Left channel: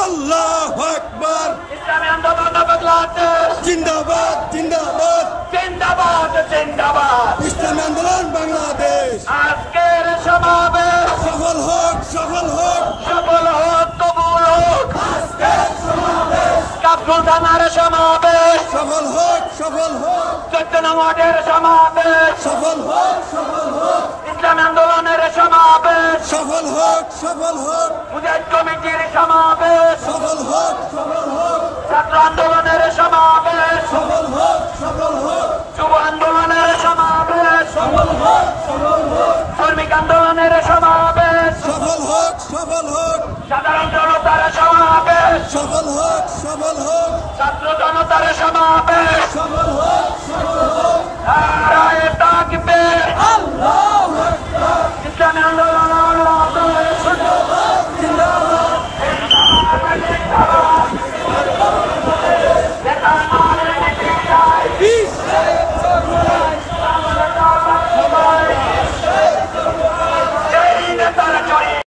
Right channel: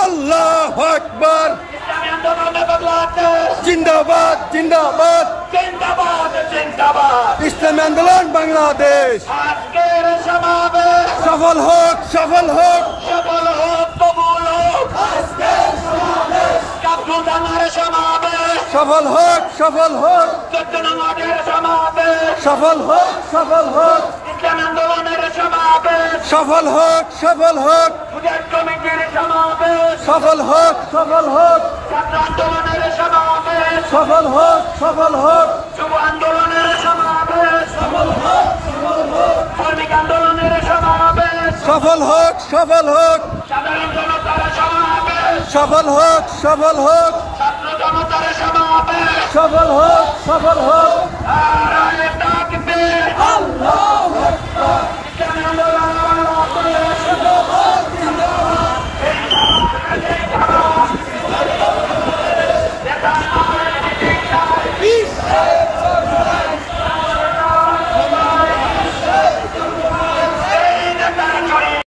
আল্লাহু আকবার। জিন্দাবাদ জিন্দাবাদ জিন্দাবাদ জিন্দাবাদ। ইসলামী আন্দোলন বাংলাদেশ আজকের সমাবেশ সফল হোক সফল হোক সফল হোক, কবুল হোক। আজকের সমাবেশ কাফরুল থানার সমাবেশ সফল হোক সফল হোক 14 নম্বরের সমাবেশ সফল হোক সফল হোক ইসলামী আন্দোলনের সমাবেশ সফল হোক সফল হোক মুজাহিদ কমিটির সমাবেশ সফল হোক সফল হোক ছাত্র আন্দোলনের সমাবেশ সফল হোক সফল হোক যুব আন্দোলনের সমাবেশ সফল হোক সফল হোক শ্রমিক আন্দোলনের সমাবেশ সফল হোক সফল হোক সাধারণ জনতার সমাবেশ সফল হোক সফল হোক ছাত্র জনতার সমাবেশ সফল হোক সফল হোক নারায়ে তাকবীর আল্লাহু আকবার।